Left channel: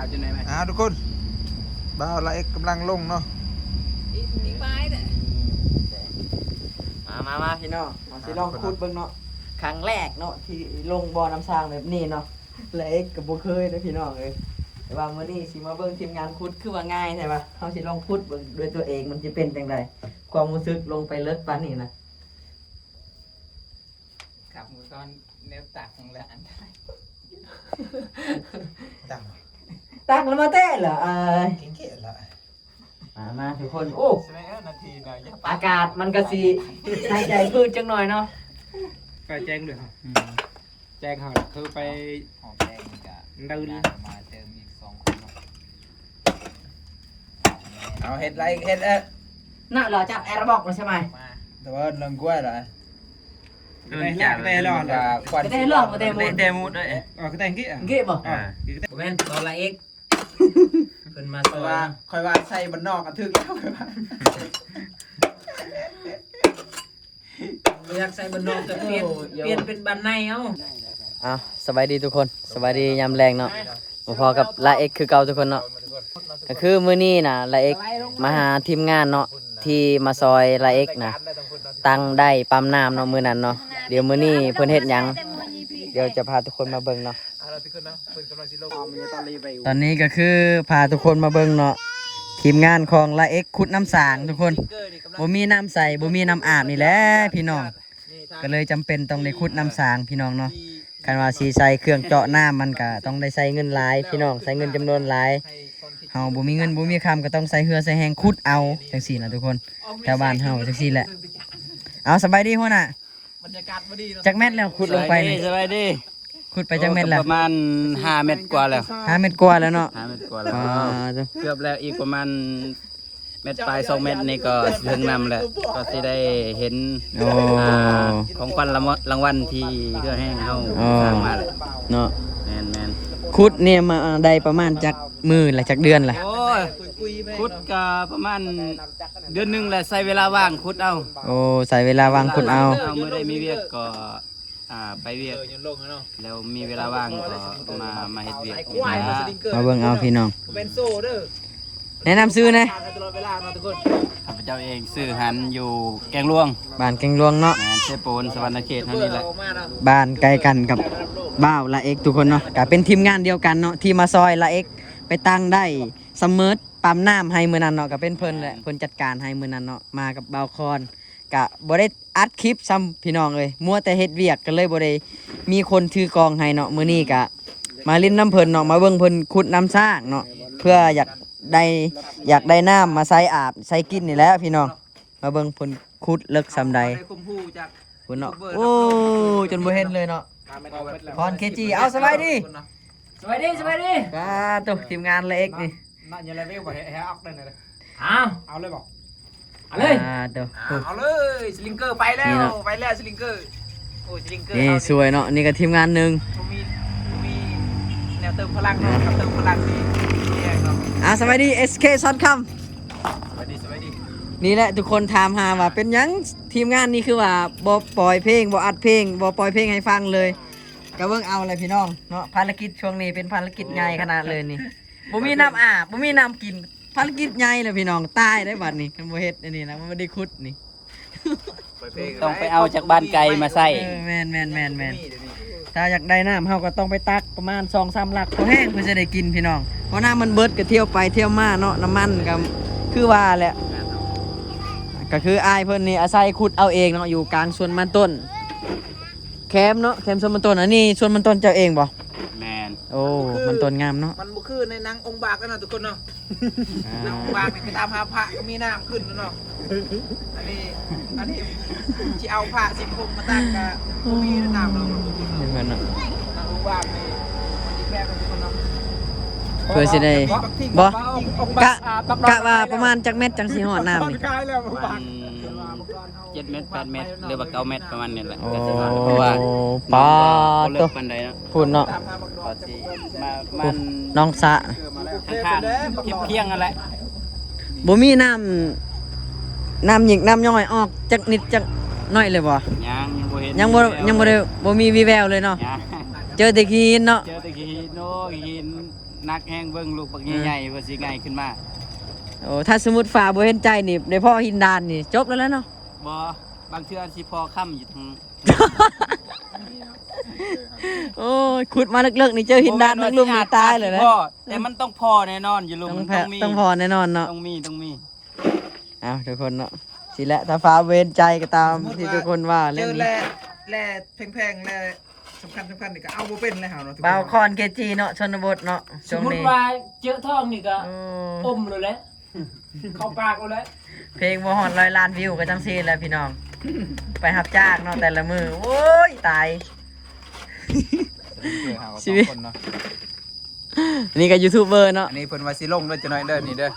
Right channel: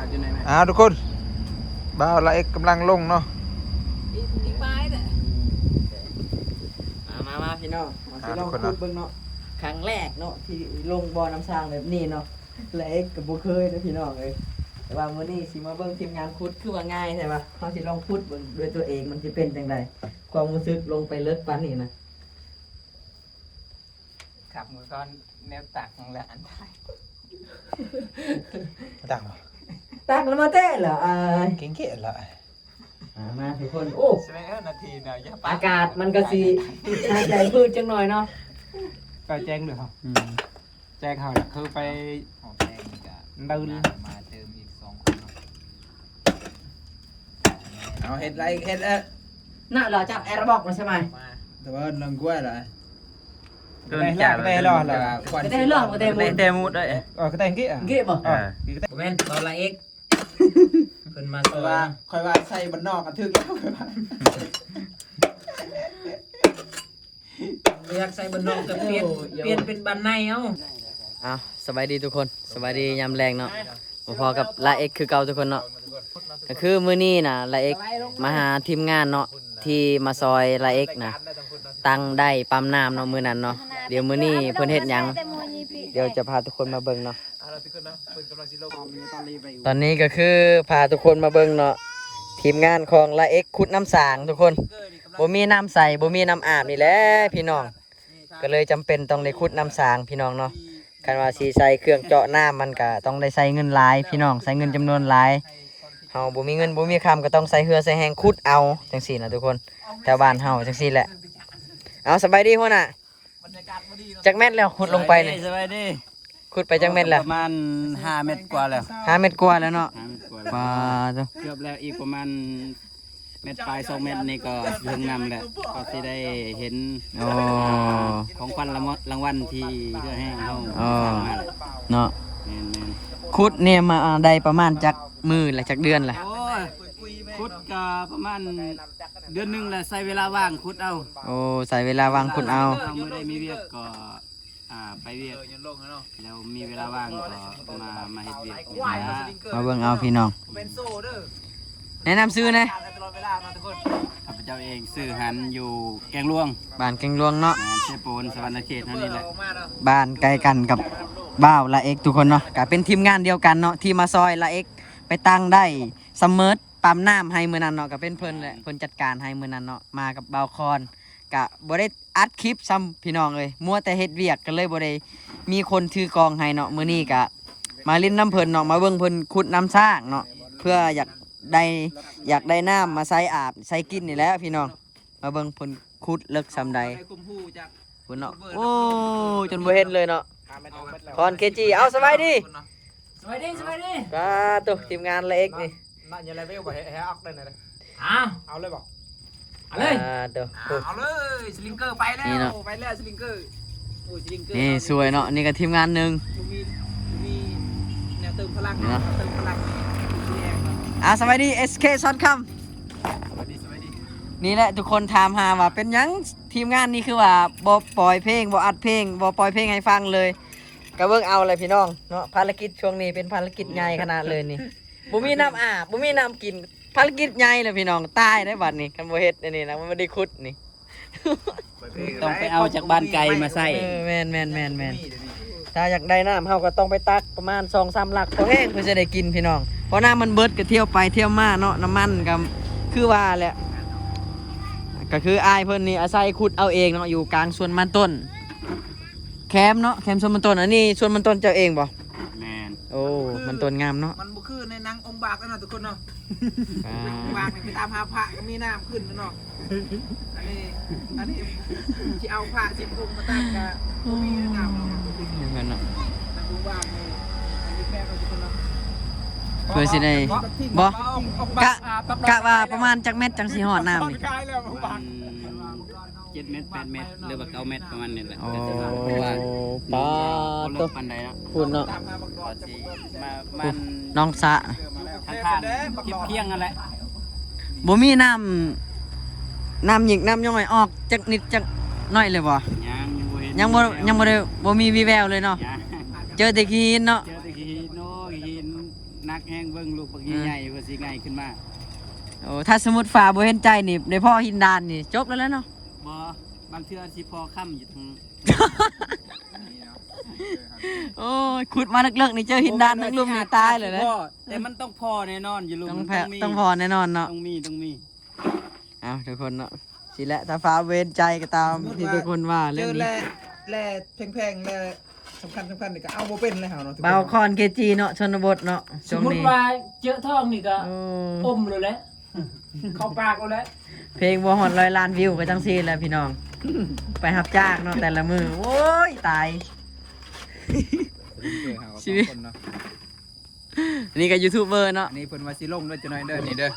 าวจนไหนไหมทุกคนบ่าวละเอกกำลังลงเนาะอีกไม้เลยมาพี่น้องมาสิลองพูดเบิ่งเนาะครั้งแรกเนาะที่ลงบ่อน้ำสร้างแบบนี้เนาะละเอกกับบ่เคยนะพี่น้องเลยแต่ว่ามื้อนี้สิมาเบิ่งทีมงานขุดคือว่าง่ายใช่ปะเฮาสิลองขุดเบิ่งด้วยตัวเองมันจะเป็นจังไดความรู้สึกลงไปเลิกปานนี้นะขับมือก้อนแนวตักของละอันตังตักแล้วมาเต้เหรอเก่งเกะละมาทุกคนโอ้นาทีเดียวอากาศมันก็สิน่าใจพืชจังหน่อยเนาะก็แจ้งเลยครับแจ้งเขาคือไปเดินมาเติมอีก2 คนเอาเห็ดไรเห็ดน่ะเราจับแอร์บอกมาใช่ไหมแต่ว่าเรื่องกล้วยเหรอได้หรอได้เรื่องมาเต็มมุดเต็มมุดได้ก็แต่งกี้เก็บบ่ผมเป็นตอนละเอ็กเพิ่นมาตัวคอยว่าใส่บนนอกกระทึกแล้วอยากใส่บนนอกแต่เปลี่ยนเป็นบันในเอาสบายดีทุกคนสบายดียามแรงเนาะพอกับละเอ็กคือเก่าทุกคนเนาะก็คือมื้อนี้น่ะละเอ็กมาหาทีมงานเนาะที่มาซอยละเอ็กนะตั้งได้ปั๊มน้ำเนาะมื้อนั้นเนาะเดี๋ยวมื้อนี้เพิ่นเฮ็ดหยังเดี๋ยวจะพาทุกคนมาเบิ่งเนาะตอนนี้ก็คือพาทุกคนมาเบิ่งเนาะทีมงานของละเอ็กขุดน้ำสางทุกคนบ่มีน้ำใส่บ่มีน้ำอาบนี่แหละพี่น้องก็เลยจำเป็นต้องได้ขุดน้ำสางพี่น้องเนาะคันว่าสิใส่เครื่องเจาะน้ำมันก็ต้องได้ใส่เงินหลายพี่น้องใส่เงินจำนวนหลายเฮาบ่มีเงินบ่มีคำก็ต้องใส่เหือใส่แหงขุดเอาจังซี่นะทุกคนแถวบ้านเฮาจังซี่แหละเอาสบายดีหัวหน้าบรรยากาศบ่ดีจักแม่นแล้วขุดลงไปนี่สบายดีขุดไปจักเม็ดแล้วประมาณ5 เมตรกว่าแล้ว5 เมตรกว่าแล้วเนาะ5 เมตรกว่าแล้วเกือบแล้วอีกประมาณเม็ดปลาย2 เมตรนี่ก็ถึงนำแล้วก็สิได้เห็นของขวัญรางวัลที่เพื่อแห้งเฮาสร้างมาเลยเนาะแม่นขุดนี่มาได้ประมาณจักมื้อละจักเดือนล่ะโอ้ยขุดก็ประมาณเดือนนึงแหละใช้เวลาว่างขุดเอาใส่เวลาว่างขุดเอามื้อใดมีเวียกก็ไปเวียกแล้วมีเวลาว่างก็มาเฮ็ดเวียกมาเบิ่งเอาพี่น้องแนะนำซื้อนะข้าพเจ้าเองซื้อหันอยู่แกงหลวงบ้านแกงหลวงเนาะเชโปนสวรรณเขตเท่านี้แหละบ้านใกล้กันกับบ้าวละเอ็กทุกคนเนาะก็เป็นทีมงานเดียวกันเนาะที่มาซอยละเอ็กไปตั้งได้เสมอปั๊มน้ำให้มื้อนั้นเนาะก็เป็นเพิ่นแหละเพิ่นจัดการให้มื้อนั้นเนาะมากับบ่าวคอนก็บ่ได้อัดคลิปซ้ำพี่น้องเลยมัวแต่เฮ็ดเวียกก็เลยบ่ได้มีคนถือกองให้เนาะมื้อนี้ก็มาเล่นน้ำเพิ่นเนาะมาเบิ่งเพิ่นขุดน้ำสร้างเนาะเพื่ออยากได้น้ำมาใส่อาบใส่กินนี่แหละพี่น้องมาเบิ่งเพิ่นขุดเลิกซ้ำใดเพิ่นเนาะโอ้จนบ่เห็นเลยเนาะคอนเคจีเอาสบายดีตัวทีมงานละเอ็กนี่น่าจะเลเวลกว่าแฮออกได้เลยเอาเลยบอกเอาเลยเอาเลยสลิงเกอร์ไปแล้วสลิงเกอร์นี่สวยเนาะนี่ก็ทีมงานนึงมีแนวเติมพลังเติมพลังสวัสดี SK ซอนคำสวัสดีนี่แหละทุกคนถามหาว่าเป็นยังทีมงานนี่คือว่าบ่ปล่อยเพลงบ่อัดเพลงบ่ปล่อยเพลงให้ฟังเลยก็เบิ่งเอาเลยพี่น้องเนาะภารกิจช่วงนี้เป็นภารกิจใหญ่ขนาดเลยนี่บ่มีน้ำอาบบ่มีน้ำกินภารกิจใหญ่เลยพี่น้องตายได้บัดนี้คันบ่เฮ็ดอันนี้นะมันบ่ได้ขุดนี่ต้องไปเอาจากบ้านไกลมาใส่แม่นถ้าอยากได้น้ำเฮาก็ต้องไปตักประมาณ 2-3 ลักพอแห้งเพื่อจะได้กินพี่น้องเพราะน้ำมันเบิดก็เที่ยวไปเที่ยวมาเนาะน้ำมันก็คือว่าแหละก็คืออายเพิ่นนี่อาศัยขุดเอาเองเนาะอยู่กลางสวนมันต้นแคมเนาะแคมสวนมันต้นอันนี้สวนมันต้นเจ้าเองบ่แม่นโอ้มันต้นงามเนาะมันบ่คือในหนังองค์บากแล้วเนาะทุกคนเนาะหนังองค์บากนี่ไปตามหาพระก็มีน้ำขึ้นแล้วเนาะอันนี้ที่เอาผ้าสิคมมาตั้งก็มีน้ำเนาะเพิ่นเนาะองค์บากนี่แค่คนเนาะเพื่อสิได้บ่กะว่าประมาณจักเม็ดจังสิฮอดน้ำนี่7 เมตร 8 เมตรหรือว่า9 เมตรประมาณนี้แหละเพราะว่าป้าตัวปันใดเนาะพูดเนาะมันน้องสะข้างๆเคียงๆนั่นแหละบ่มีน้ำหยิกน้ำย่อยออกจักนิดจักน้อยเลยบ่ยังบ่ได้บ่มีวีแววเลยเนาะเจอแต่หินเนาะหิน นักแห้งเบิ่งลูกบักใหญ่ๆเพื่อสิง่ายขึ้นมา โอ้ถ้าสมมุติฝ่าบ่เห็นใจนี่ในพ่อหินดานนี่จบแล้วแหล้วเนาะ บ่บางเทื่อสิพอค่ำอยู่ทาง โอ้ยขุดมาลึกๆนี่เจอหินดานทั้งลุมนี่ตายเลยนะ พ่อแต่มันต้องพอแน่นอนอยู่ลุง ต้อง มัน แพ้ มี ต้องพอแน่นอนเนาะ ต้องมี เอาทุกคนเนาะสิแหละถ้าฟ้าเวรใจก็ตามที่ทุกคนว่าเล่นนี้ แร่แพงๆแร่สำคัญนี่ก็เอาบ่เป็นเลยเฮาเนาะทุก เบา ค คอนเคจีเนาะชนบทเนาะ สมมติว่าเจอทองนี่ก็ โอ้ อมเลยแหละเข้าปากเลยแหละ เพลงบ่ฮอด100 ล้านวิวก็จังซี่แหล้วพี่น้อง ไปรับจ้างเนาะแต่ละมือโอ้ยตาย ชีวิต นี่ก็ยูทูบเบอร์เนาะ อันนี้เพิ่นว่าสิลงเด้อจังหน่อยเด้อนี่เด้อ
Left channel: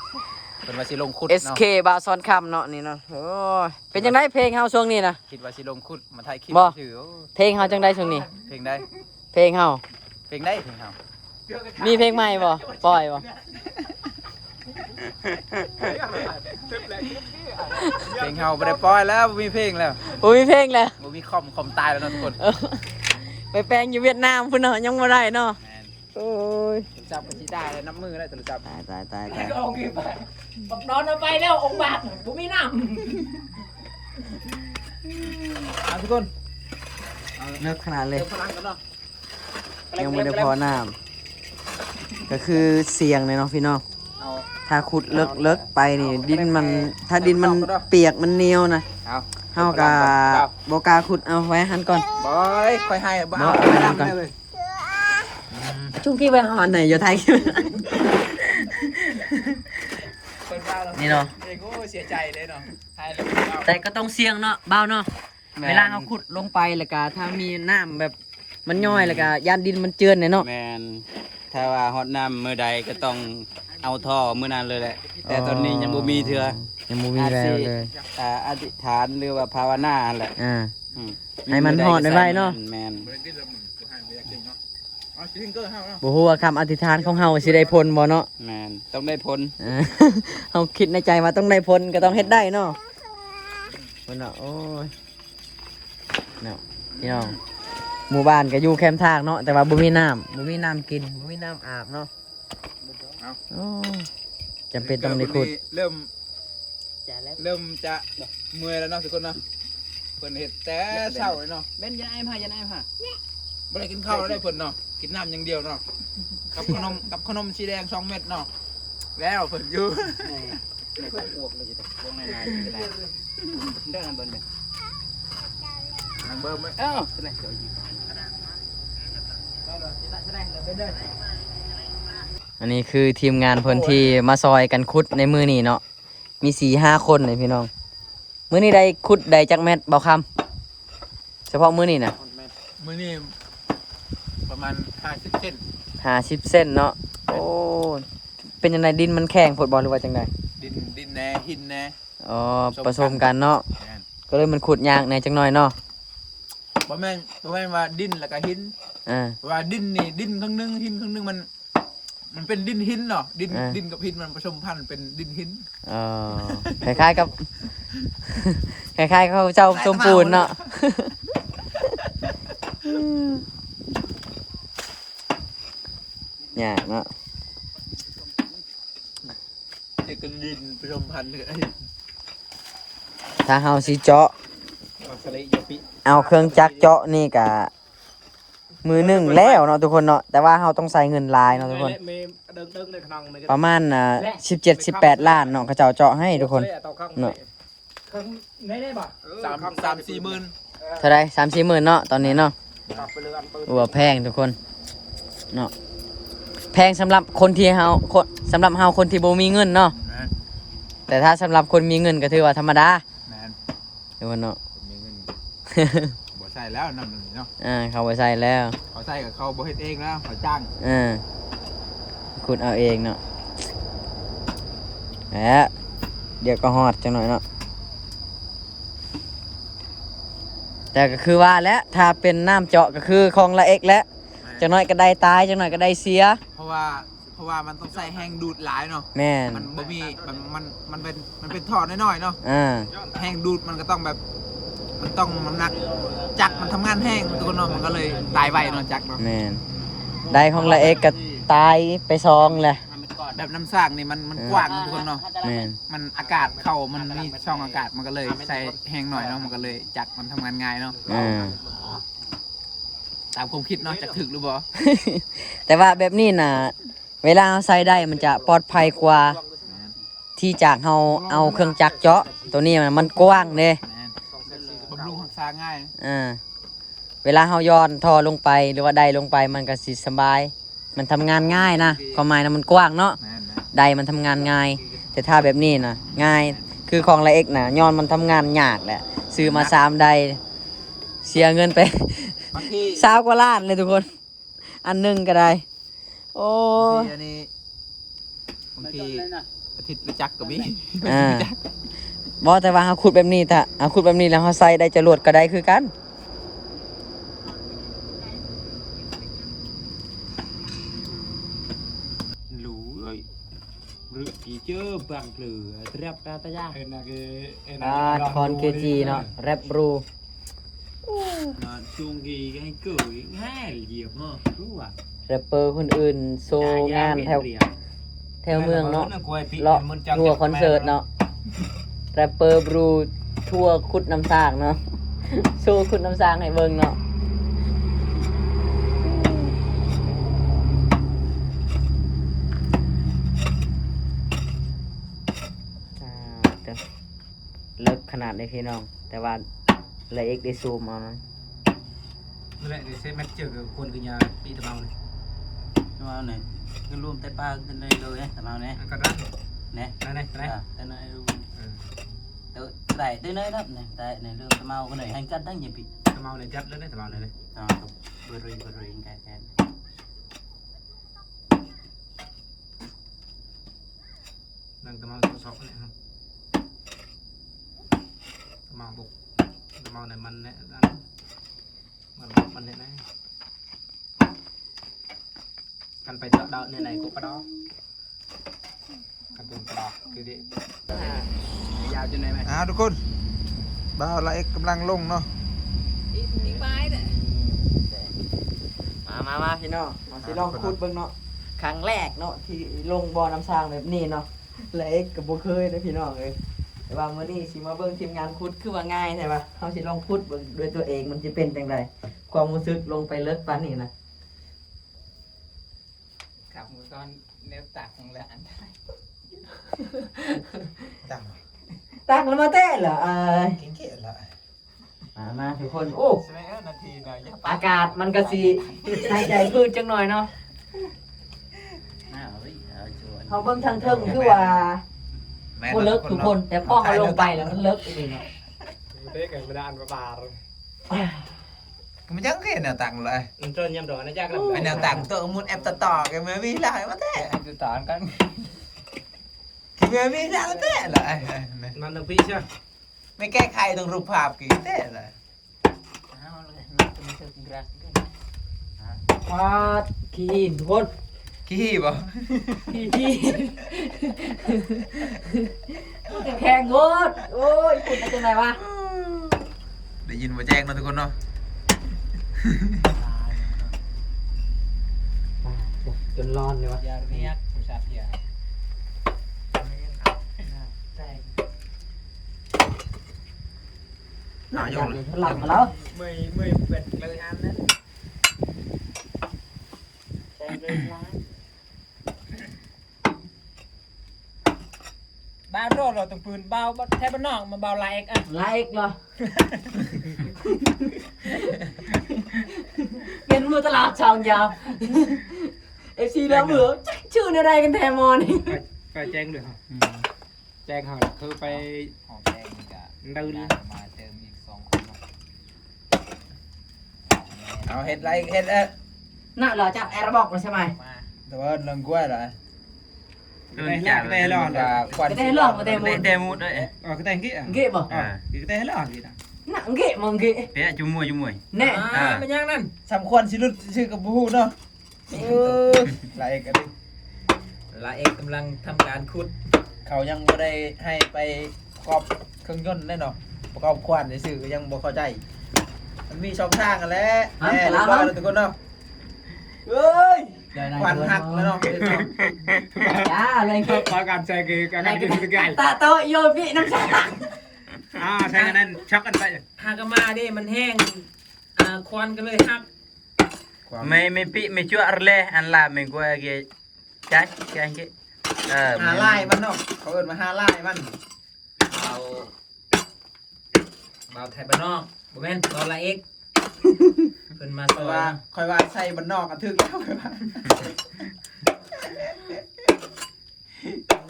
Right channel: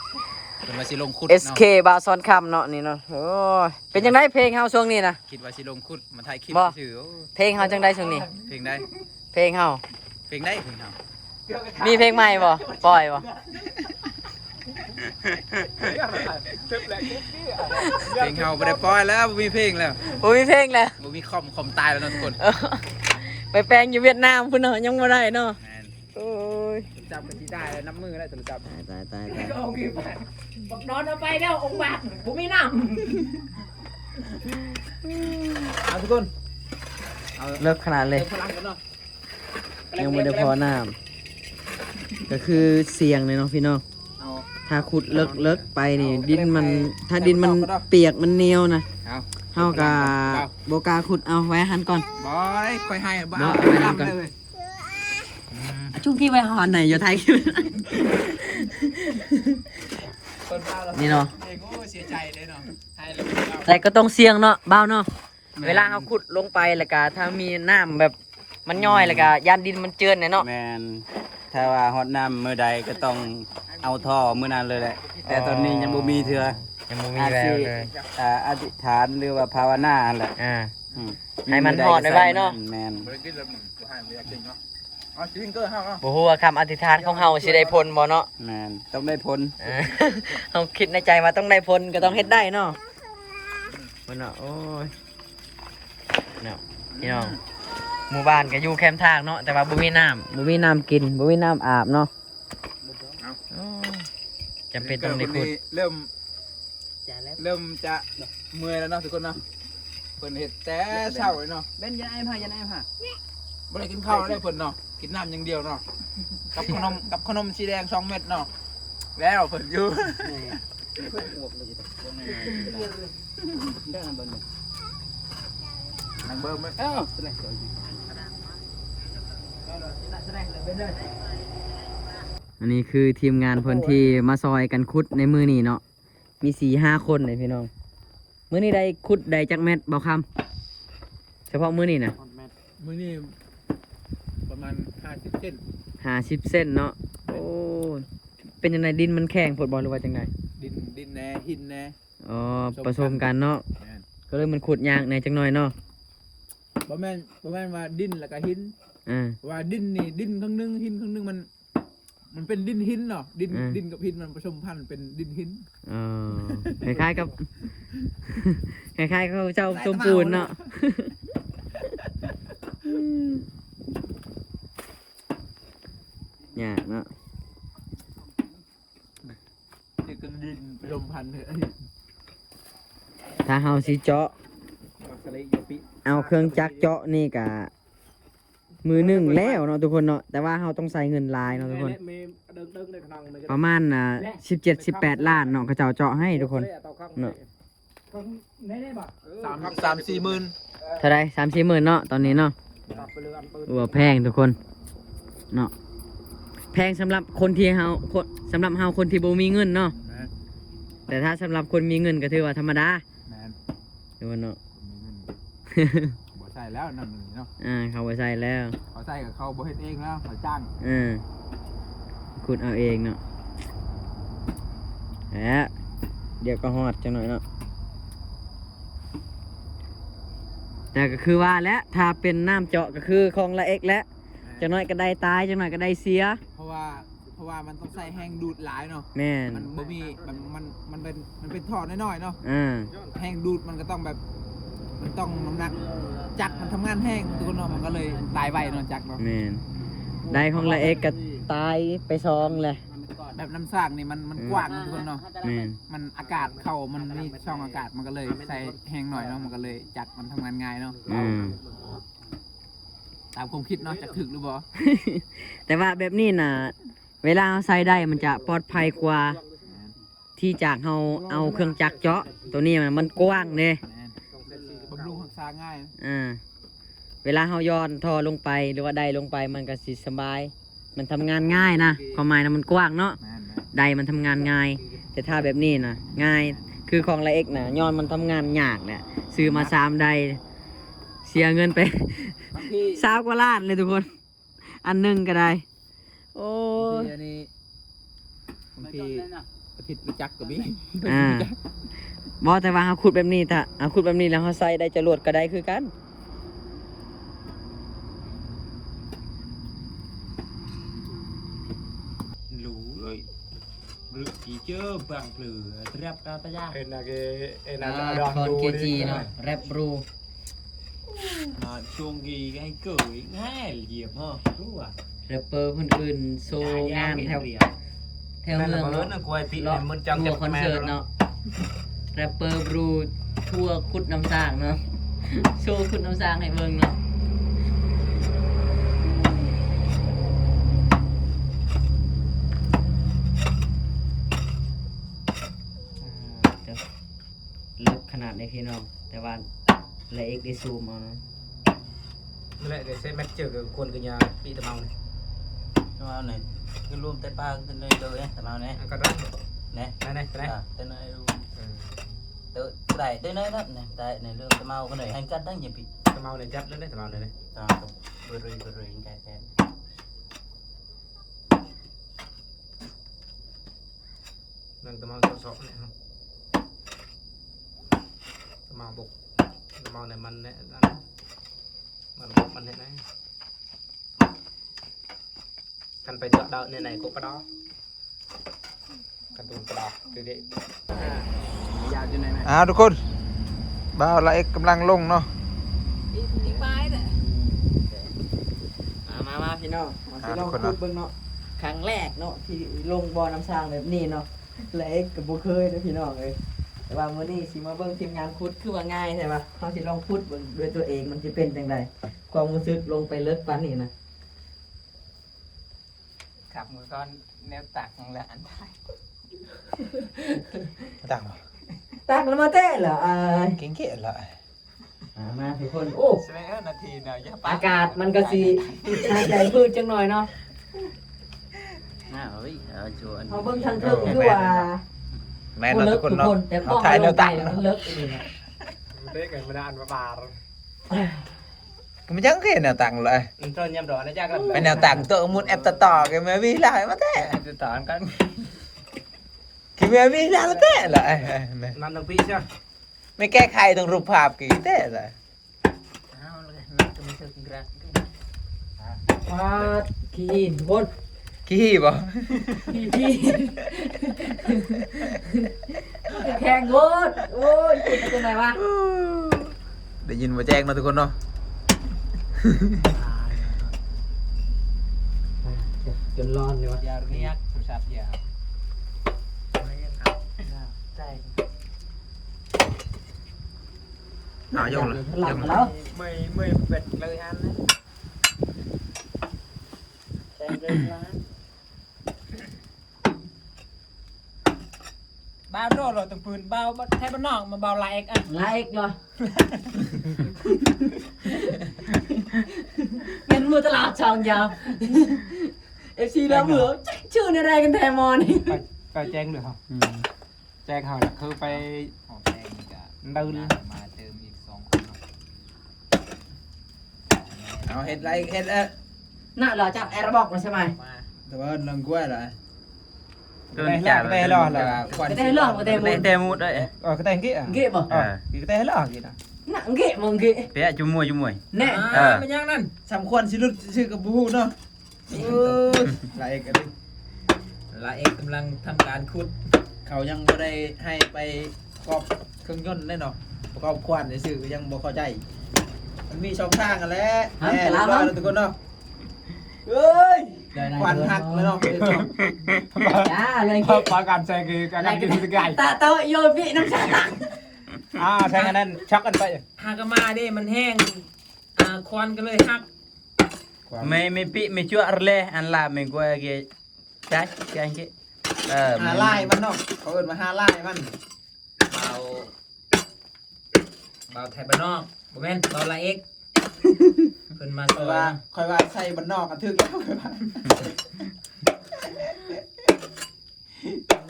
เพิ่นว่าสิลงขุด SK บาซอนคำเนาะนี่เนาะโอ้ยเป็นจังไดเพลงเฮาช่วงนี้นะ คิดว่าสิลงขุดมาถ่ายคลิป บ่ ซื่อโอ้ เพลงเฮาจังไดช่วงนี้ เพลงได้ เพลงเฮา เพลงได้เพลงเฮา มีเพลงใหม่บ่ปล่อยบ่ เพลงเฮาบ่ได้ปล่อยแล้วบ่มีเพลงแล้ว โอ้ยมีเพลงแล้ว บ่มีคอมตายแล้วเนาะทุกคน เออไปแปลงอยู่เวียดนามพุ่นเนาะยังบ่ได้เนาะ แม่น โอ้ย จับกันสิได้น้ำมือแล้วจับ ตายตายตาย แล้ ตา วย ก็เอาขึ้นไปบักนอนเอาไปแล้วองค์บาทผมไม่น้ เอาทุกคน เลิกขนาดเลย เดี๋ยวพลังกันเนาะ ยังไม่ได้พอน้ำก็คือเสียงเลยเนาะพี่น้อง เอา ถ้าขุดเลิกไปนี่ดินมันถ้าดินมันเปียกมันเหนียวนะ เอา เฮากะโบกล้าขุดเอาไว้หันก่อน บอยค่อยให้ บ่เอาไว้นั่นก่อน จุ้งที่ไปหอนไหนอยู่ไทย นี่เนาะ เด็กโอ้เสียใจเลยเนาะไทยเลย แต่ก็ต้องเสี่ยงเนาะเบาเนาะเวลาเขาขุดลงไปแล้วก็ถ้ามีน้ำแบบมันย่อยแล้วก็ยานดินมันเจือนเนี่ยเนาะ แมนถ้าว่าฮอดน้ำมื้อใดก็ต้องเอาท่อมื้อนั้นเลยแหละ แต่ตอนนี้ยังบ่มีเถื่อ ยังไม่มี อาจ แว สิ วเลย อธิษฐานหรือว่าภาวนาหั่นแหละ อ่า อืม ให้มันฮอดไว้เนาะ แมน บริกินแล้วมึงจะให้ไม่ได้กินเนาะเอาซิงเกอร์ห้ามเนาะ บ่ฮู้ว่าคำอธิษฐานของเฮาสิได้ผลบ่เนาะ แมนต้องได้ผล อ่า เฮาคิดในใจว่าต้องได้ผลก็ต้องเฮ็ดได้เนาะเพิ่นเนาะโอ้ยเนาะพี่น้องหมู่บ้านก็อยู่แคมป์ทางเนาะแต่ว่าบ่มีน้ำกินบ่มีน้ำอาบเนาะ เอา โอ้ยจำเป็นต้องได้ขุด เริ่ม ำจ่ายแล้ว เริ่มจะเมื่อยแล้วเนาะทุกคนเนาะเพิ่นเห็ดแต่เช้าเลยเนาะ เบนยันไอ้ผ่ายันไอ้ผ่า บ่ได้กินข้าวเลยเพิ่นเนาะกินน้ำอย่างเดียวเนาะกับขนมสีแดง2 เม็ดเนาะแล้วเพิ่นอยู่ เพิ่นอ้วกเลยจะตกง่ายๆได้เบิ่งเลย นางเบิ่มไหม เอ้าแสดงเดี๋ยวอยู่ อันนี้คือทีมงานเพิ่นที่มาซอยกันขุดในมือนี่เนาะมี4-5 คนเลยพี่น้องมื้อนี้ได้ขุดได้จักแมตรเบาคำเฉพาะมื้อนี้นะ มื้อนี้ประมาณ50 เซน 50 เส้นเนาะโอ้เป็นยังไงดินมันแข็งผดบอลหรือว่าจังได ดินแน่หินแน่ อ๋อผสมกันเนาะ แม่น ก็เลยมันขุดยากในจังหน่อยเนาะ บ่แม่นว่าดินแล้วก็หิน อ่า ว่าดินนี่ดินครึ่งหนึงหินครึ่งหนึงมันเป็นดินหินเนาะดินกับหินมันผสมพันธุ์เป็นดินหิน อ๋อคล้ายๆกับ คล้ายๆเขาเจ้าสมปูนเนาะ เนี่ยเนาะ เด็กกันดินผสมพันธุ์กัน ถ้าเฮาสิเจาะ บักสะเลยาปิ เอาเครื่องจักรเจาะนี่กะมือหนึ่งแล้วเนาะทุกคนเนาะแต่ว่าเฮาต้องใส่เงินหลายเนาะทุกคน ประมาณ17-18 ล้านเนาะเขาเจ้าเจาะให้ทุกคนเนาะ 3-4 หมื่น เท่าไร3-4 หมื่นเนาะตอนนี้เนาะว่าแพงทุกคนเนาะแพงสำหรับคนที่เฮาสำหรับเฮาคนที่บ่มีเงินเนาะแต่ถ้าสำหรับคนมีเงินก็ถือว่าธรรมดา แมน ทุกคนเนาะ คนมีเงิน บ่ใช่แล้วนำเลยเนาะ เขาไปใส่แล้ว เขาใส่กับเขาบ่เฮ็ดเองแล้วเขาจ้าง ขุดเอาเองเนาะแล้วเดี๋ยวก็ฮอดจังหน่อยเนาะแต่ก็คือว่าแล้วถ้าเป็นน้ำเจาะก็คือคลองละเอกแล้วจังหน่อยก็ได้ตายจังหน่อยก็ได้เสีย เพราะว่ามันต้องใส่แห้งดูดหลายเนาะ แม่น มันบ่มีมันเป็นท่อน้อยๆเนาะ อ่า แห้งดูดมันก็ต้องแบบ มันต้องน้ำหนักจักรมันทำงานแห้งทุกคนเนาะมันก็เลยตายไวเนาะจักรเนาะ แม่นได้ของละเอกก็ ตายไปซองแหละ แบบน้ำสร้างนี่มันกว้างทุกคนเนาะ แม่น มันอากาศเข้ามันมีช่องอากาศมันก็เลยใส่แห้งหน่อยเนาะมันก็เลยจักมันทำงานง่ายเนาะ ตามความคิดเนาะจักถึกหรือบ่ แต่ว่าแบบนี้น่ะเวลาเราใส่ได้มันจะปลอดภัยกว่าที่จากเราเอาเครื่องจักรเจาะตัวนี้มันกว้างเด้ บำรุงรักษาง่าย เวลาเราย้อนท่อลงไปหรือว่าใดลงไปมันก็สิสบาย มันทำงานง่ายนะความหมายนะมันกว้างเนาะใดมันทำงานง่าย แต่ถ้าแบบนี้นะง่ายคือของละเอกนะย้อนมันทำงานยากแหละซื้อมา3ใดเสียเงินไป บางที 20 กว่าล้านเลยทุกคน อันหนึงก็ได้โอ้ อันนี้บางทีอาทิตย์รู้จักกับพี่ บอแต่ว่าเขาขุดแบบนี้ถ้าเขาขุดแบบนี้แล้วเขาใส่ได้จรวดก็ได้คือกัน lũ ơi rượu gì chứ bằng lửa rep ra ta ra คอนเกจีเนาะแรปบรู mà chuông gì cái cười ngay diệp ha đúng à แรปเปอร์คนอื่นโซงานแถวเมืองเนาะเลาะทัวร์คอนเสิร์ตเนาะแรปเปอร์บรูทัวร์ขุดน้ำสร้างเนาะ โชว์ขุดน้ำสร้างให้เบิ่งเนาะเลิกขนาดในพี่น้องแต่ว่าละเอกได้ซูมเอานะ Lệ để xem mét chở được quân cái nhà bị tầm màu này. Tầm màu này, cái luôn tay ba tên đây đâu đấy, tầm màu này. Cái đó. Nè, này, tên này luôn. Tự đẩy tới nơi đó này, tại này lương tầm màu cái này hành cắt đó nhiều bị. Tầm màu này chắp lên đấy, tầm màu này này. Vừa rồi cái. Đang tầm màu sọ này không? Tầm màu bột. Tầm màu này mình đấy. Mình thế này cần phải chọn đợi này cũng có đó cần dùng cái đóคือเด็กยาวจนไหนไหม ทุกคนบ่าวละเอกกำลังลงเนาะ มาพี่น้องมาสิลองขุดเบิ่งเนาะครั้งแรกเนาะที่ลงบ่อน้ำสร้างแบบนี้เนาะละเอกก็บ่เคยเด้อพี่น้องเอ้ยแต่ว่ามื้อนี้สิมาเบิ่งทีมงานขุดคือว่าง่ายใช่ป่ะเฮาสิลองขุดเบิ่งด้วยตัวเองมันสิเป็นจังไดความรู้สึกลงไปเลิกปานนี้นะ ขับมือก้อนแนวตักของละอันได้ตัก ตักแล้วมาเต้เหรอเก่งๆละ มาทุกคนโอ้ 11 นาทีเนาะ อากาศมันก็สิหายใจพืชจังหน่อยเนาะ น่าเอ้ยชวน เฮาเบิ่งทางเทิงคือว่าบ่เลิกทุกคนแต่พอเฮาลงไปแล้วมันเลิกอีกเนาะ Thế cái mình ăn bà rồi. ก็ไม่จังเห็นแนวตังเลย Cho nhầm đó nó chắc lắm. เป็นแนวตังตัวมุดแอปต่อกันเมื่อวิ่งได้มาแท้ Từ tán cắn. คือเมื่อวิ่งได้มาแท้เลย Làm được vị chưa? ไม่แก้ไขตรงรูปภาพกี่แท้เลย พาดขี้ทุกคน ขี้บ่ ขี้แข่งโคตรโอ้ยคุณเป็นไงวะ ได้ยินว่าแจ้งมาทุกคนเนาะ จนร้อนเลยวะ Giờ riêng, sạp giờ. โยน หลับมาแล้ว Mười vẹt lời ăn đấy. บ้านโรดเราต้องปืนเบาแทบบ้านนอกมาเบาลายเอกอ่ะ ไลค์เหรอเงินมือตลาดช่องยาวเอฟซีแล้วเบื่อชื่ออะไรกันแทมอนี่ Phải chén được không? Chén hả? Cứ phải đâu đi. เอาเห็ดไรเห็ด น่ะเหรอจับแอร์บอกมาใช่ไหม แต่ว่าเรื่องกล้วยเหรอ Đơn giản đây là ก็ได้เรื่องมาเต็มหมด tê mút đấy. Cái tên kia. เก็บบ่ Cái tên là gì đó. หนังเก็บมึงเก็บ Bé chung mùi. แน่ เป็นยังนั่นสำควรสิรุดชื่อกับบูเนาะลาเอกกันดิ Là emกำลังทำการขุด เขายังบ่ได้ให้ไปประกอบเครื่องยนต์ได้เนาะประกอบควานในสื่อก็ยังบ่เข้าใจมันมีช่องทางกันแหล้วแหมแล้วทุกคนเนาะ เฮ้ย วันหักแล้วเนาะ จ้าอะไร ก็ขอการแซงคือการดึงสกาย ตาโตโยพี่น้ำชา ใช่กันนั่นชักกันไป หากมาดิมันแห้งควันก็เลยหัก ไม่ปิไม่ชั่วอะไรอันละไม่กลัวเกยจ้าแกงเกย หาไล่มันเนาะเขาเอิ้นมาหาไล่มัน เบาไทยบ้านนอกบ่แม่นเบาละเอ็กเพิ่นมาซอย คอยว่าใส่บ้านนอกกันทึกแล้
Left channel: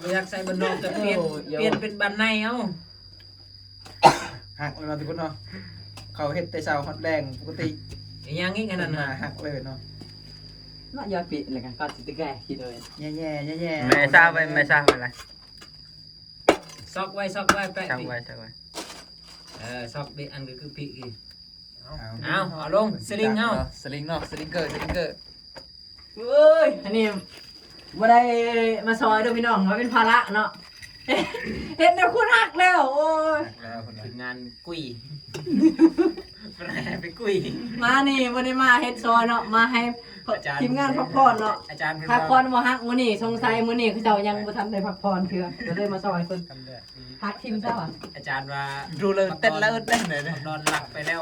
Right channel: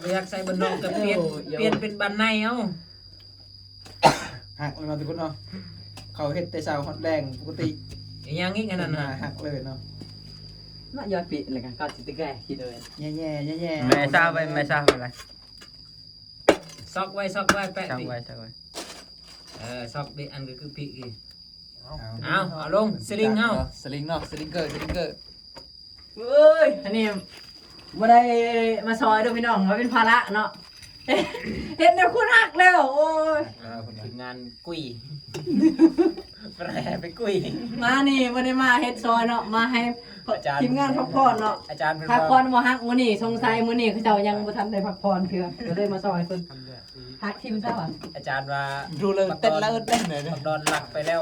ว อยากใส่บ้านนอกแต่เปลี่ยนเป็นบ้านในเอ้า หักเลยเนาะทุกคนเนาะเขาเฮ็ดแต่เช้าฮอตแรงปกติ อย่างงี้กันนั่นน่ะ หักเลยเนาะ น่ายอดปีเลยกันก็ติดแก่คิดเลย แย่ๆแย่ๆ ไม่ทราบไปไม่ทราบไป ซอกไว้แปะ ช่าง ดิ ไว้ช่างไว้ ซอกดิอันก็คือปีกอีเอาลงสลิงเฮา สลิงเนาะสลิงเกอร์ เอ้ยอันนี้บ่ได้มาซอยด้วยพี่น้องมาเป็นภาระเนาะเห็นแต่คุณหักแล้วโอ้ย ถึงงานกุ้ยแปรไปกุ้ย มานี่บ่ได้มาเฮ็ดซอยเนาะมาให้ทีมงานพักผ่อนเนาะ อาจารย์เพิ่น พักผ่อนบ่ฮักมื้อนี้สงสัยมื้อนี้เขาเจ้ายังบ่ทันได้พักผ่อนเทื่อก็เลยมาซอยเพิ่นฮักทีมเจ้าอ่ะ อาจารย์ว่า ดูเลยเต้นแล้วเต้นเลย ดอนหลักไปแล้ว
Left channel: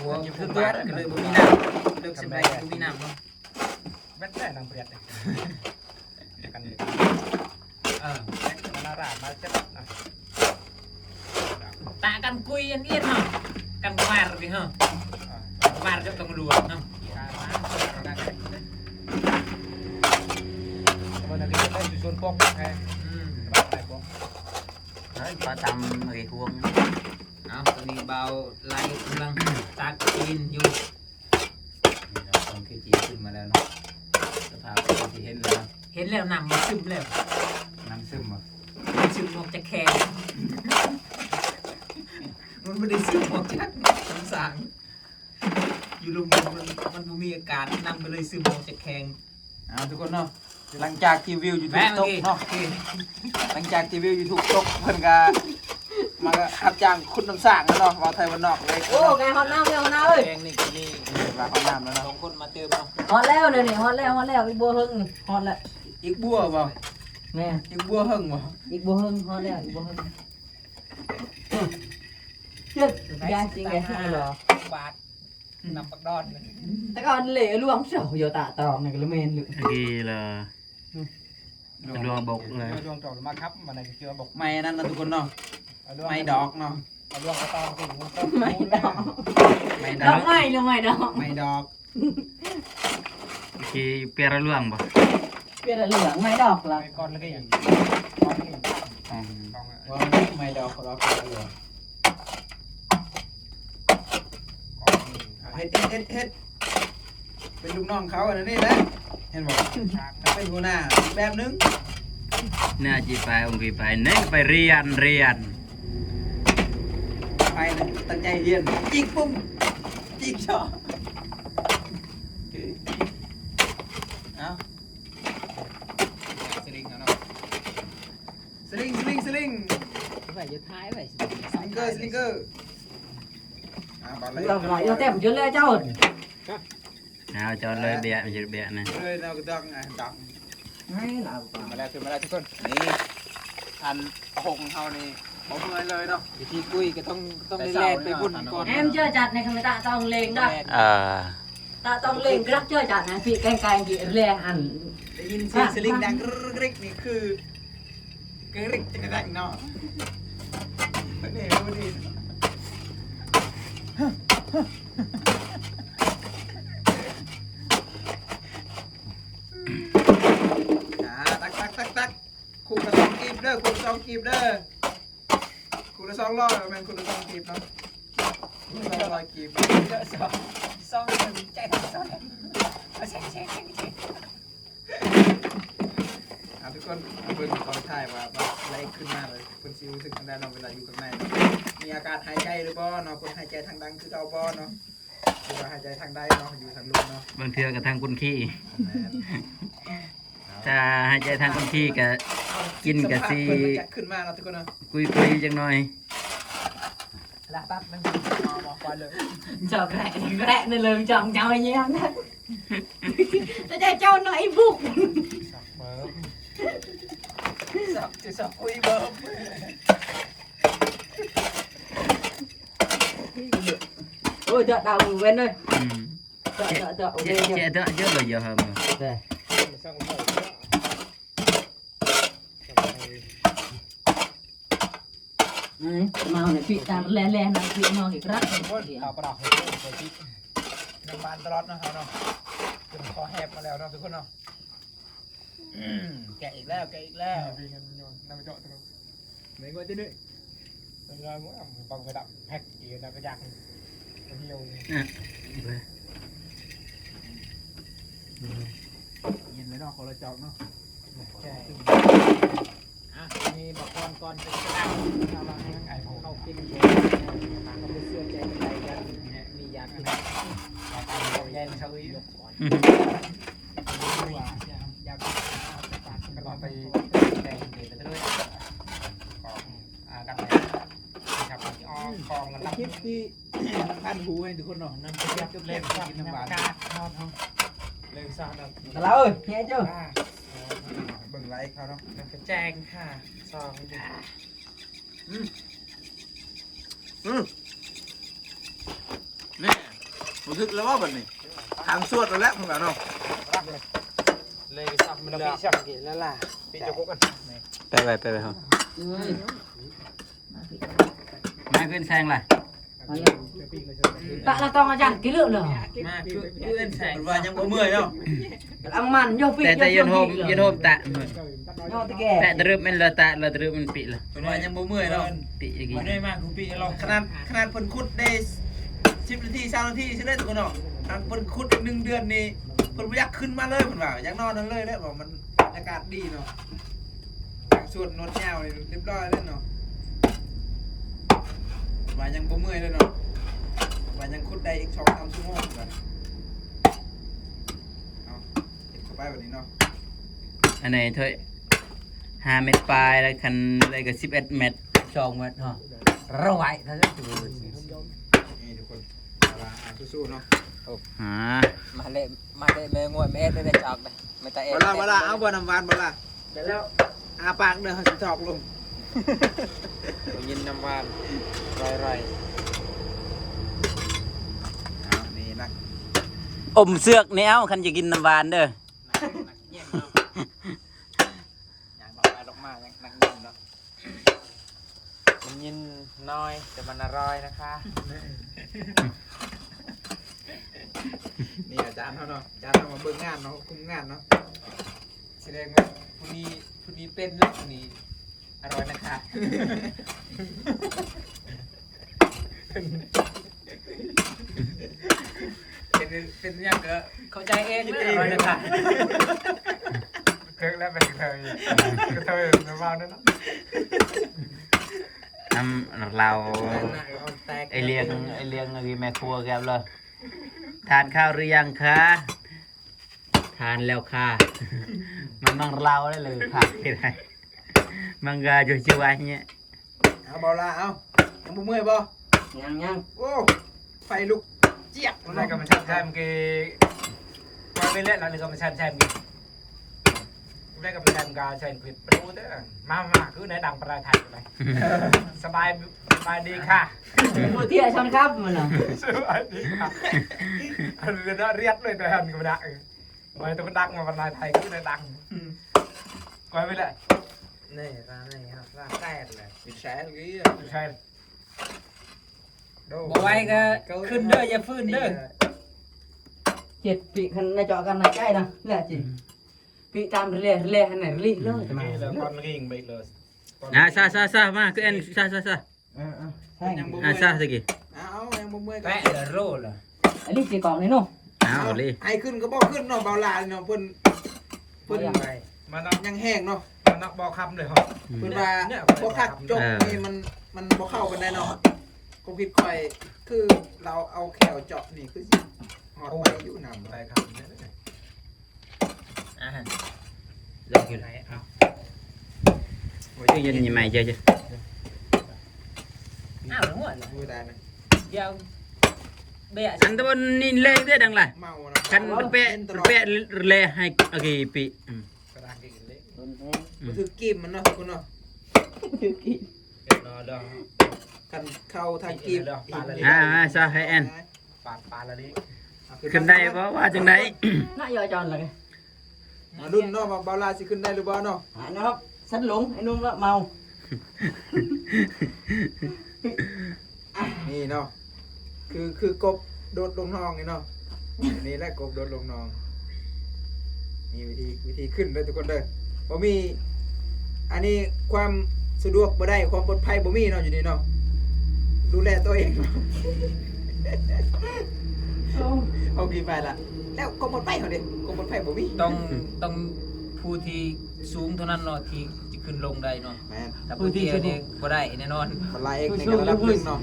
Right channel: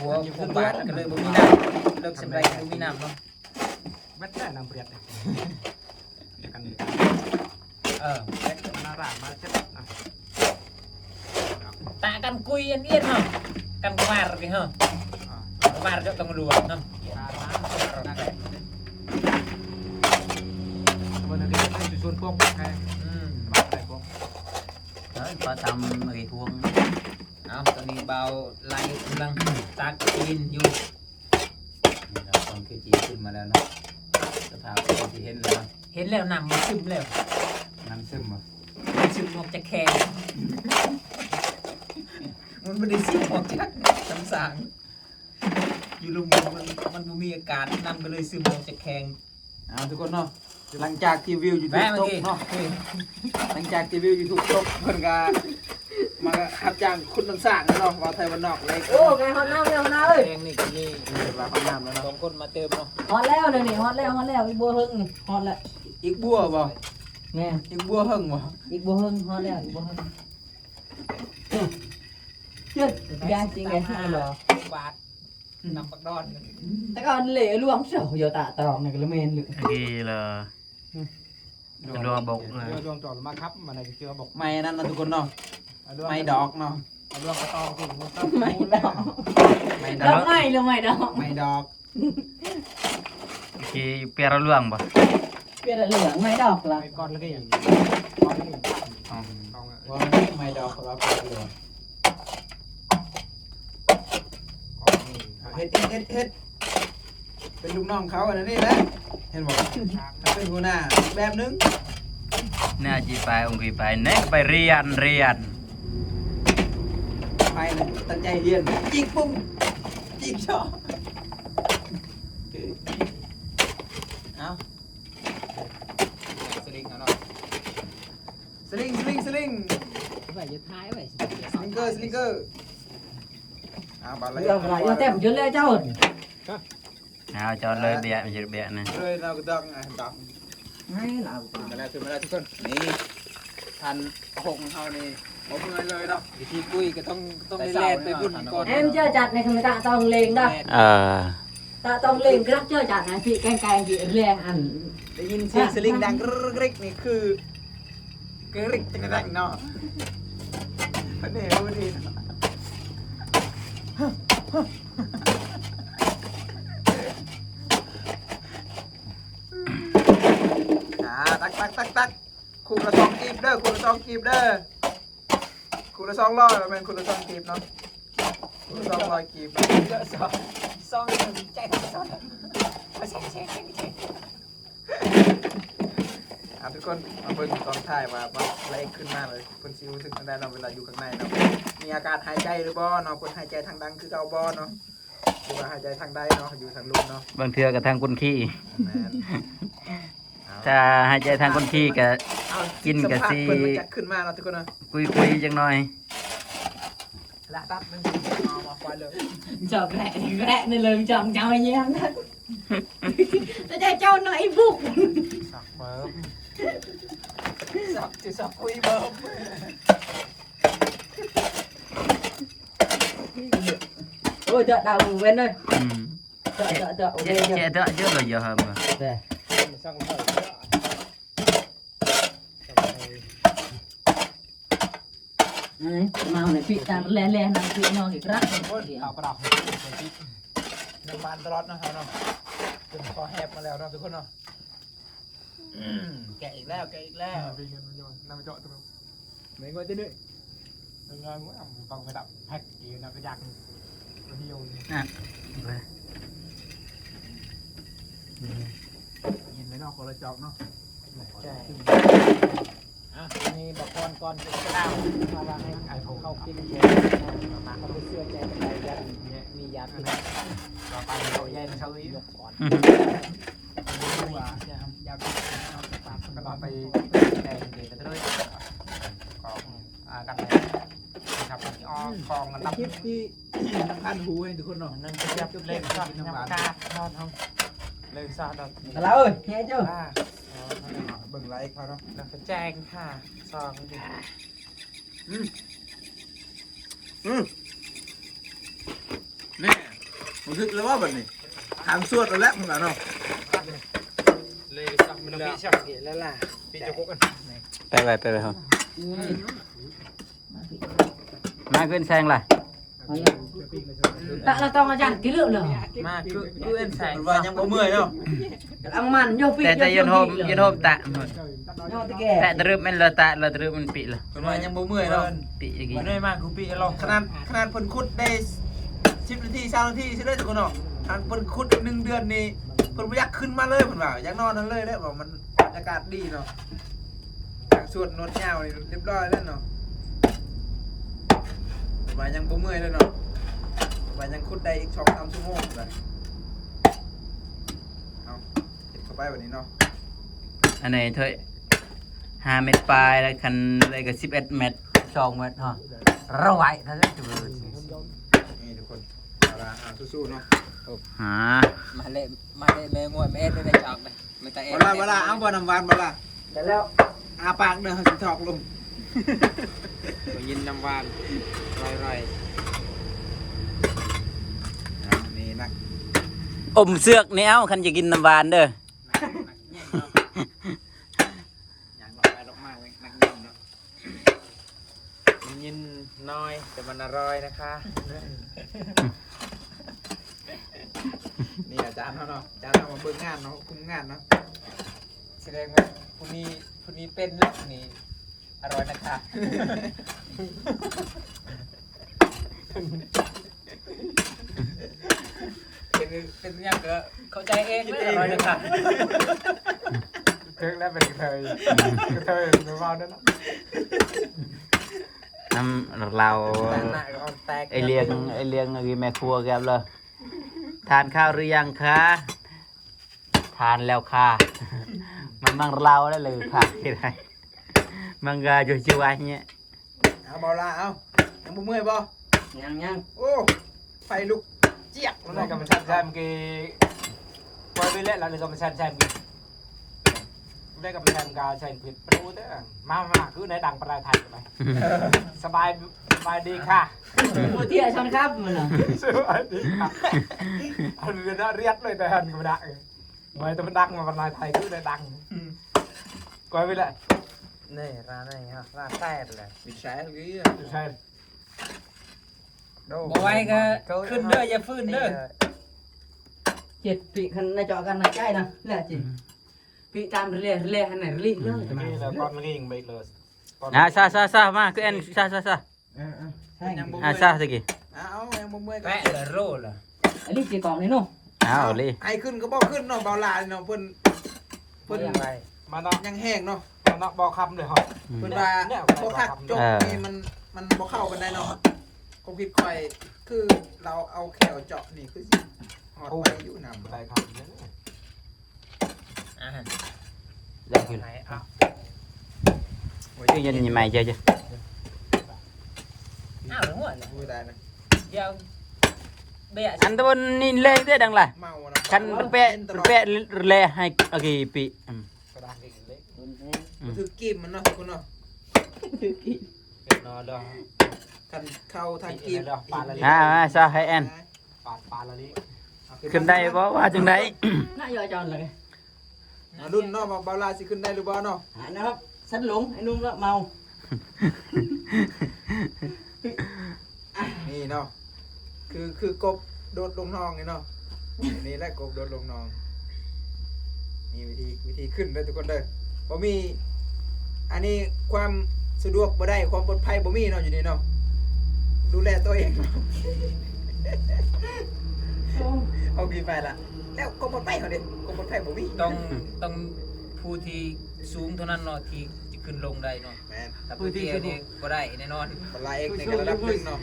หัวผู้บาดก็เลยบ่มีน้ำเลิกสำไรบ่มีน้ำเนาะ แม่แค่นำเปรียบกัน มาร่ามาเจ็บนะ ตะกันกุยอันเอียนเนาะกันกวาดดิเนาะกวาดก็ต้องรู้เนาะ มันอะไรก็อยู่ส่วนพวกไง ก็ทำไอ้พวง เอาตอนนี้เบาไล่กำลังตักกินอยู่ ตอนคือจีขึ้นมาแล้วนะสภาพที่เห็นแล้ว เห็นแล้วน้ำมันซึมแล้ว น้ำซึมอ่ะ มันซึมออกจากแขนมันไม่ได้ซึมออกจากน้ำสางอยู่ลงมันมีอาการน้ำก็เลยซึมออกจากแขน ทุกคนเนาะหลังจากที่วิวอยู่ทุก แม่เมื่ ต อก กี้ เนาะหลังจากที่วิวอยู่ทุกตกเพิ่นก็มารับจ้างคุณน้ำสร้างเนาะเอาไทยวันนอกเลย โอ้ไงฮอตน้ำแล้วฮอตน้ำเอ้ย แขงนี่กี่ มาห้องน้ำแล้ว สอ เนาะ งคนมาเติมเนาะ ฮอตแล้วนี่ฮอตแล้วอีกบัวหึงนี่ฮอตแล้ว อีกบัวบ่ แม่ อีกบัวหึงบ่ อีกบัวหึงฮอตแล้วอีกบัวหึงเจ็ดยาจริงไงเหรอบ าทนำปักดอน แต่ก่อนเหล่ลวงเสาโยตะตรองนี่ก็ละเมนหรือ กี่ละรัวบกเลย ดวงจอดมาครับมันอะไรเชื่อบอก ไม่นั่นนะทุกคนเนาะไม่ดอกเนาะ ดวงกระตองกิน ไม่ดอก ไม่ด ด อ อก กไม่หรือไม่ดอก ไม่ดอก กี่เปียร์ล่วงบ่ เปลี่ยนเหลืองไม่ดอกละ ไปก่อนแล้วก็อย่าง ว่าไม่ดอกเราก็เหลือเฮ็ดเป็นลูกน้องเขาอันนั้นนี่แหละเห็นบ่ถ้าเป็นหัวหน้าอีกแบบนึง น่าจีไปองค์กี่ไปเน่ไปเรียน ไปนะตั้งใจเรียนจิกปุ้มจิกชอบเอาสลิงเอาเนาะสลิง ไปจะท้ายไป สลิงเกอร์บาเลย เราไหลเราเต็มจนเลยเจ้า เอาจอดเลยเบียร์เบียร์นะ เลยเราก็ต้องดอก ไม่เรา มาแล้วทุกคนนี่ทันหงเขานี่บ่เมื่อยเลยเนาะพี่กุ้ยก็ต้องได้แล่นไปบุญก่อน em chơi chặt này không ta tông lên đâu ตาต้องเล่งกรักเจ้าจัดนะพี่ไกลๆพี่แรงอัน ได้ยินเสียงสลิงดังกริกนี่คือกริกจังดังเนาะนี่วันนี้ตักคูละ2กีบเด้อคูละ2กีบเด้อคูละ200แม่นคูละ2กีบเนาะคูละ200กีบ ซองใจซองทุกคนเอาเพิ่นตอนถ่ายว่าอะไรขึ้นมาเลยเพิ่นสิรู้สึกจังได๋เนาะเวลาอยู่ข้างในเนาะมีอาการหายใจหรือบ่เนาะเพิ่นหายใจทางดังคือเก่าบ่เนาะหรือว่าหายใจทางใดเนาะอยู่ทางลมเนาะ บางเทือกับทางคนขี้ถ้าหายใจทางคนขี้ก็กินกับซี เพิ่นมันจะขึ้นมาเนาะทุกคนเนาะ คุยจังหน่อย ละปั๊บมันเอามาควายเลย chọc rẽ nên lường chồng cháu anh em đó จะได้เจ้าหน่อยบุก สักเบิร์มสักคุยเบิร์ม ôi chợ đào bên đây อืม chợ ok เจ๊เจ๊เจ๊เลยเยอะครับ đây มาวเนี่ยพี่ตามแล่นำพี่น้องอีกครั้ง เอาประดับให้ไปที่น้ำบานตลอดนะครับเนาะเป็นคอแหบมาแล้วเนาะทุกคนเนาะแกะอีกแล้วแกะอีกแล้วพี่กันโยนน้ำเจาะตัวไหนก็จะด้วยงานมั้งฟังไปดับแพ็กอีกนะก็ยากมาเที่ยวยินเลยเนาะคนละเจาะเนาะมีบอกก่อนจะกล้าถ้าเราให้ไก่ของเข้ากินเยอะมาเขาไปเชื่อใจกันไปกันมียาพิษเอาแย่งเขายกก่อนว่ายาพิษก็ต้องไปแก้เดี๋ยวจะด้วยกันเลยนะครับอ้อคลองกันรับคลิปที่ท่านหูให้ทุกคนเนาะนั่นเป็นยับเล่นกินน้ำหวานเลยทราบแล้ว là ơi nghe chưa เบิ่งไลค์เขาเนาะ กระแจงค่ะซองดิ นี่ผมทึกแล้วว่าแบบนี้ทางสวดแล้วมึงเนาะ เลยซับมันพี่ชักเกแล้วล่ะพี่จะกุกัน ไปครับไม่ขึ้นแซงล่ะ tạ là to mà chẳng cái lượng rồi มาคือเอ็นแสง ว่ายังบ่เมื่อยเนาะ ăn mặn vô phi แต่ยืนโฮมตะ vô cái แต่ kẻ ตรึบมันละตะละตรึบมันปิละ เป็นว่ายังบ่เมื่อยเนาะ ปิอย่างงี้ วันนี้มาคูปีเรา ขนาดเพิ่นขุดได้10นาที20นาทีใช่ได้ทุกคนเนาะทางเพิ่นขุด1เดือนนี่เพิ่นบ่อยากขึ้นมาเลยเพิ่นว่าอยากนอนนั่นเลยเด้อบอกมันอากาศดีเนาะสวดนวดยาวนี่เรียบร้อยแล้วเนาะว่ายังบ่เมื่อยเลยเนาะว่ายังขุดได้อีก 2-3 ชั่วโมงเลยเอาเก็บเข้าไปแบบนี้เนาะ อันไหนเถอะ5 เมตรปลายแล้วคันอะไรก็11 เมตร2 เมตรฮะระไว้ถ้าจะ นี่ทุกคนเอาล่ะสู้ๆเนาะ mà lệ mê ngồi mê đây chọc này người ta เวลาเอาบ่น้ำหวานบ่ล่ะ cái leo อาปากเด้อสิถอกลง ตัวยินน้ำหวานไร นี่นัก อมเสือกนี่เอ้าคันจะกินน้ำหวานเด้อ อย่างบอกไปลงมาเลยนักยินเนาะ ยินน้อยแต่มันอร่อยนะคะ นี่อาจารย์เขาเนาะอาจารย์เขามาเบิ่งงานเนาะคุมงานเนาะ แสดงว่าผู้นี้เป็นแล้วนี่อร่อยนะคะ เป็นยังก็เข้าใจเองเลยอร่อยนะคะ เทิงแล้วเป็นเคยเคยหรือว่านั่นเนาะ เรา หน้าก็แตก ไอเลี้ยงแม่ครัวแกเลยทานข้าวหรือยังคะทานแล้วค่ะ มันนั่งเล่าได้เลยค่ะที่ไหนมันก็จู่ๆอันเนี้ย เอาเบาละเอายังบ่เมื่อยบ่ nhang โอ้ไฟลุกเจี๊ยบ hôm nay cầm chăn xem cái qua bên lại là được cầm chăn xem kì hôm nay cầm chăn cả chăn vịt bự thế à mà cứ để đằng para thành nàyสบายดีค่ะ vừa thiệt xong khắp mà là สบายดีค่ะอันเป็นเรียดเลยแต่อันก็ดังไปตัวดังมาparaไทยcứ để đằng qua bên lại นี่ร้านนี่ครับร้านแตกเลย ปิดแสงกี้ ใช่ บอกไว้ก็ขึ้นเด้ออย่าฟื้นเด้อ chết bị khăn này chọn khăn này cay nè là chị bị tam lê khăn này lì luôn นี่แหละก้อนเงี้ยไปเลย ซามาคือเอ็นซา ซาสิกี้ เอายังบ่เมื่อยก็ แปะเลยโร่เลย ấy lì chỉ còn đấy nô อ้าวเลย ไอ้ขึ้นก็บ่ขึ้นเนาะเบาละเนาะเพิ่น มาเนาะ ยังแห้งเนาะ มาเนาะบอกคำเลยเหรอ เพิ่นว่าบ่คักจกนี่มันบ่เข้ากันได้เนาะก็คิดค่อยคือเราเอาแขวเจาะนี่คือสิหอดไปอยู่นำ ไปคำเนี่ย อยากกินชื่อยันยังไงเจ๊ อ้าวหัวเลย มือได้นะ เดี๋ยว เบะ อันตะวันนี่เล่ได้ดังล่ะ เมาเนาะ คันเปะเปะเล่ให้โอเคปี กระดานกินเล็ก มันคือกีบมันเนาะคุณเนาะ เป็นนอนเรื่อง คันเข้าทางกีบ ซะให้แอน ปาละลิ ขึ้นได้บ่ว่าจังได๋ น่ายอจอนเลย รุ่นเนาะเบาลาสิขึ้นได้หรือบ่เนาะ หายนะครับสันหลงไอ้นุ่มละเมา นี่เนาะคือกบโดดลงนองนี่เนาะนี่แหละกบโดดลงนองนี่วิธีขึ้นเลยทุกคนเด้อบ่มีอันนี้ความสะดวกบ่ได้ความปลอดภัยบ่มีเนาะอยู่นี่เนาะดูแลตัวเองเนาะเอากินไปละแล้วความปลอดภัยเขาดิความปลอดภัยบ่มี ต้องผู้ที่สูงเท่านั้นเนาะที่จะขึ้นลงได้เนาะ แม่น แต่ผู้ที่นี่บ่ได้แน่นอน บรรลัยเอกในระดับหนึงเนาะ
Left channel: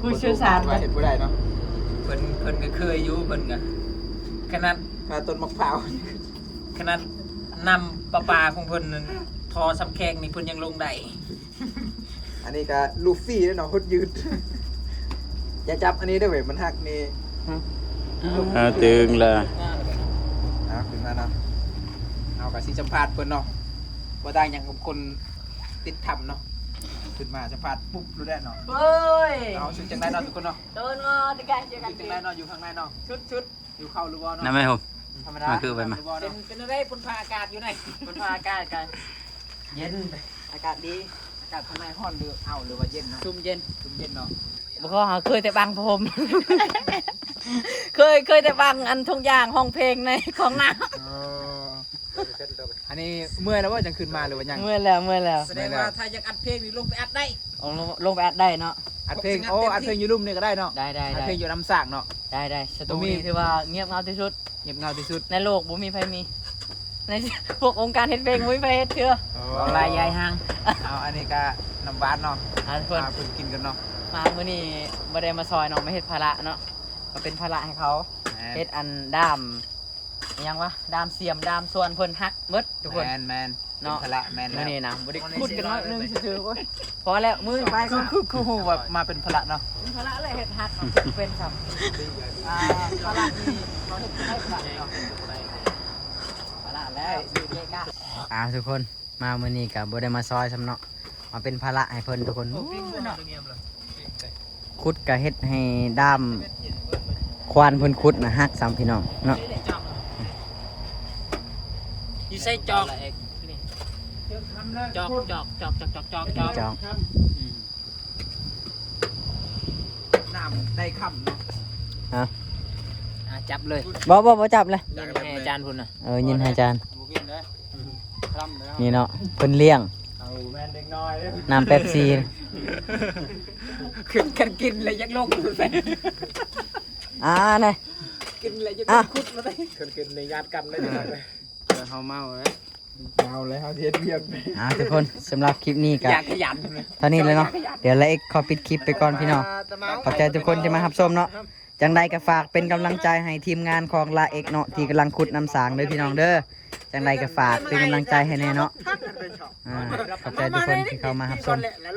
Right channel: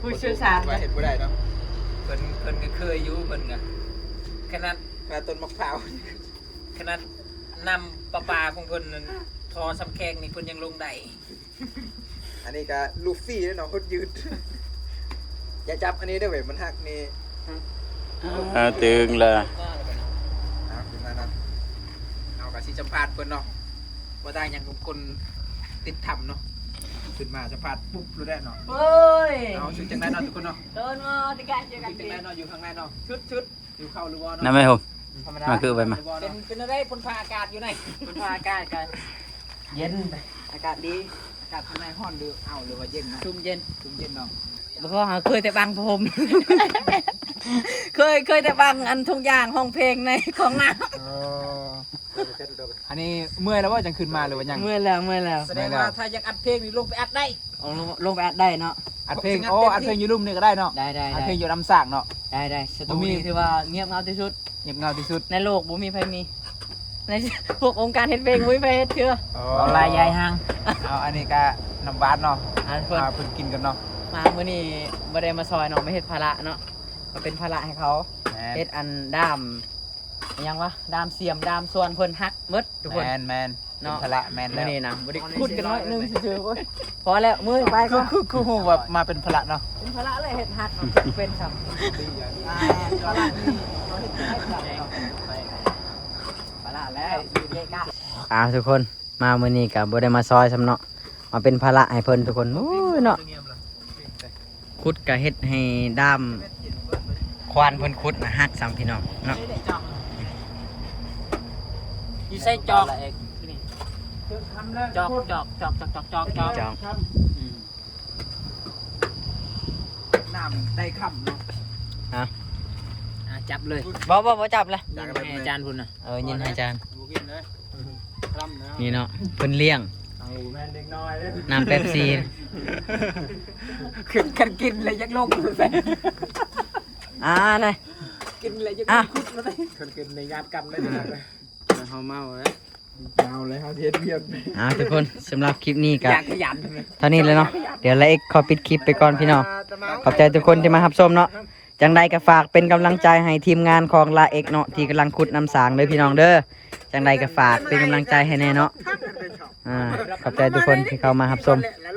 ผู้เชี่ยวชาญ ว่าเห็นบ่ได้เนาะ เพิ่นก็เคยอยู่เพิ่นก็ขนาด ขนาดต้นมะพร้าว ขนาดนำปลาของเพิ่นนั่นทอสำแขงนี่เพิ่นยังลงได้ อันนี้ก็ลูฟี่แล้วเนาะโคตรยืดอย่าจับอันนี้เด้อเว้ยมันหักนี่ ตึงละ ขึ้นมาเนาะเอากับสิสัมภาษณ์เพิ่นเนาะบ่ได้หยังกับคนติดถ้ำเนาะขึ้นมาสัมภาษณ์ปุ๊บรู้ได้เนาะ เฮ้ย เอาชุดจังไดเนาะทุกคนเนาะ เดินมาตะแกรงเจอกัน ชุดจังไดเนาะอยู่ข้างในเนาะชุดอยู่เข้าหรือบ่ นั่น เนาะ ไหมผม ธรรมดา มาคือไปมา หรือบ่ เป็น เนาะ เป็นอะไรเพิ่นพาอากาศอยู่ไหน เพิ่นพาอากาศกันเย็นอากาศดีอากาศข้างในร้อนหรือเอาหรือว่าเย็นเนาะ ซุ่มเย็น ชุ่มเย็นเนาะ บ่ขอหาเคยแต่บังผม เคยแต่บังอันทุกอย่างห้องเพลงในของน้ อันนี้เมื่อยแล้วว่าจังขึ้นมาหรือว่ายัง ำเมื่อยแล้ว แสดงว่าถ้าอยากอัดเพลงนี่ลงไปอัดได้ เอาลงไปอัดได้เนาะ อัดเพลงโอ้อัดเพลงยูรุ่มนี่ก็ได้เนาะ ได้ อัดเพลงอยู่น้ำสากเนาะ ได้สตูดิโอที่ว่าเงียบเงาที่สุด เงียบเงาที่สุด ในโลกบ่มีใครมี ในพวกองค์การเฮ็ดเพลงบ่มีใครเฮ็ดเทื่อ ลายยายหาง เอาอันนี้ก็น้ำบาสเนาะ ทุกคน มาเพิ่งกินกันเนาะ มามื้อนี้บ่ได้มาซอยเนาะไม่เฮ็ดภาระเนาะก็เป็นภาระให้เขาเฮ็ดอันด้ามอิหยังวะด้ามเสียมด้ามส่วนเพิ่นฮักหมดทุกคน แมน เนาะ พละแมน มื้อนี้นะบ่ได้ขุดกันน้อยนึงซื่อๆโอ้ยพอแล้วมื้อไปก่อน คือหูว่ามาเป็นพละเนาะ เป็นภาระเลยเฮ็ดฮักเนาะเป็นครับ พละนี่เราเฮ็ดให้พละเนาะ ภาระแล้วสิเกะกะ ทุกคนมามื้อนี้ก็บ่ได้มาซอยซ้ำเนาะมาเป็นภาระให้เพิ่นทุกคนโอ้ยเนาะขุดก็เฮ็ดให้ด้ามควานเพิ่นขุดนะฮักซ้ำพี่น้องเนาะ อยู่ใส่จอกจอกจอง น้ำได้ค่ำเนาะ จับเลย บ่จับเลย ให้อาจารย์พุ่นน่ะ ยินให้อาจารย์ บ่กินเด้อค่ำเนาะ นี่เนาะเพิ่นเลี้ยง เอาแม่นเด็กน้อยเด้อ น้ำเป๊ปซี่ ขึ้นกันกินเลยยักโลกไป เลย กินเลยยัก ขึ้นในญาติกันเลยจังได๋ เฮาเมาเอ้ย เอาเลยเฮาเฮ็ดเวียก ทุกคนสำหรับคลิปนี้ก็ อยากขยันเลย เท่านี้เลยเนาะเดี๋ยวละเอ็กขอปิดคลิปไปก่อนพี่น้องขอบใจทุกคนที่มารับชมเนาะจังใดก็ฝากเป็นกำลังใจให้ทีมงานของลาเอ็กเนาะที่กำลังขุดน้ำสางเลยพี่น้องเด้อจังใดก็ฝากเป็นกำลังใจให้แน่เนาะขอบใจทุกคนที่เข้ามารับชม